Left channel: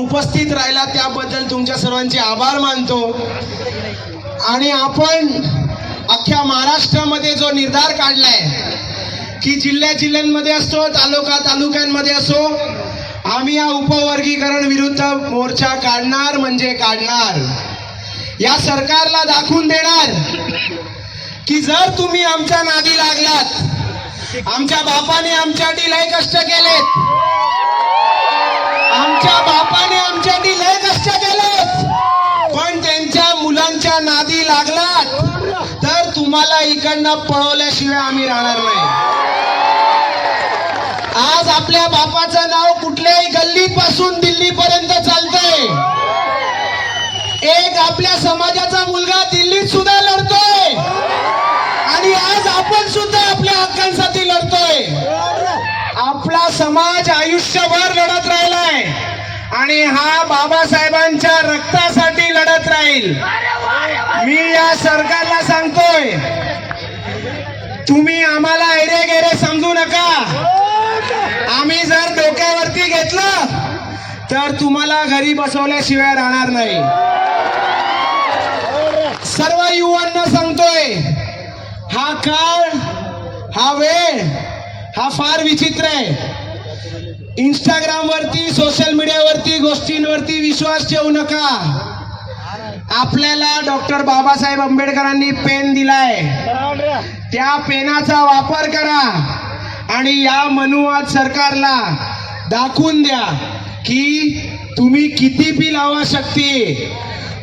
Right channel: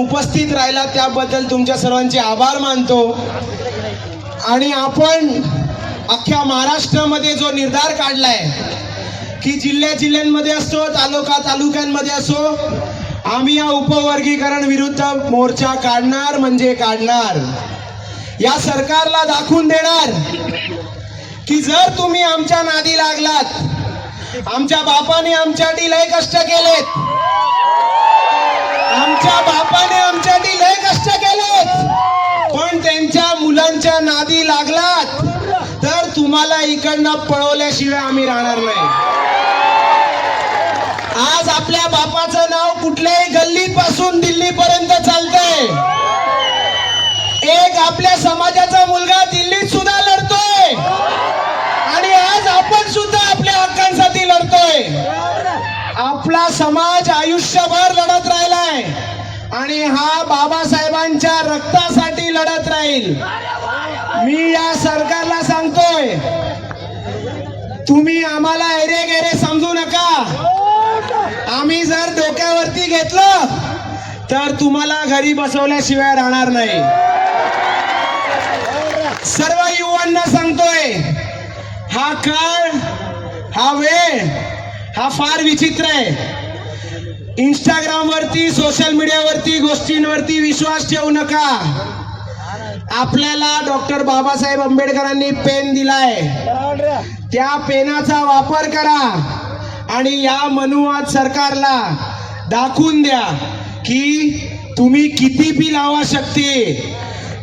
उपस्थित राहिला त्याबद्दल तुमच्या सर्वांचे आभार मानतो। आणि आपण अख्ख्या महाराष्ट्रामध्ये जो निर्धार काढलाय की जिल्ह्यांमध्ये असो, तालुक्यांमध्ये असो, आम्ही या उपवर्गीकरण विरुद्ध मोर्चा काढणार म्हणजे काढणार। या सरकारला दाखवून देणार की जर तुम्ही आमच्या नादी लागलात, आमच्या बापाने आमच्यासाठी लय कष्ट केलेत, आमच्या बापाने आमच्यासाठी लय कष्ट केलेत, पण त्यांच्या मुलांच्या नादी लागलात तर तुम्हाला इकडनं पळवल्याशिवाय आम्ही राहणार नाही। आज आपल्या बापाचं नाव कुठल्याही गल्लीपासून दिल्लीपर्यंत चालतंय। एक आपल्या समाजाचा मुलगा दिल्लीत सुद्धा लढतोय आणि आज आपण सुद्धा आपल्या हक्कांसाठी लढतोय। आपला समाज आयुष्यभर लढत राहिलाय आणि हा बाबासाहेबांच्या रक्तासाठी लढत राहील। मी या सरकारला सांगतोय, तुम्ही आम्हाला ऐरे गेरे समजू नका। आम्ही जर डोक्यावरती घेतलं तर तुम्हाला घरी बसवल्याशिवाय राहणार नाही। सर्व युवांना सांगतोय, हा काळ, हा वेळ, हा फार विचित्र आहे। इंस्टाग्राम वरती, सोशल मीडियावरती गोष्टींवरती विश्वास ठेवू नका। आपल्याला डॉक्टर बाबासाहेब आंबेडकरांनी पेन दिलाय, त्या पेनाचा वापर करा आणि या मनुवाद सरकारला दाखवून द्या की तुम्ही किती बी लावा शक्ती,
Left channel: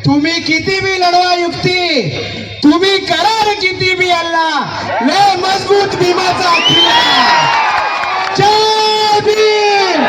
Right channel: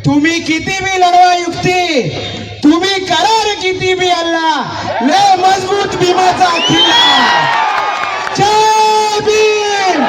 तुम्ही किती बी लढवा युक्ती, तुम्ही करार किती बी अल्ला, लय मजबूत भीमाचा किल्ला। जय भीम।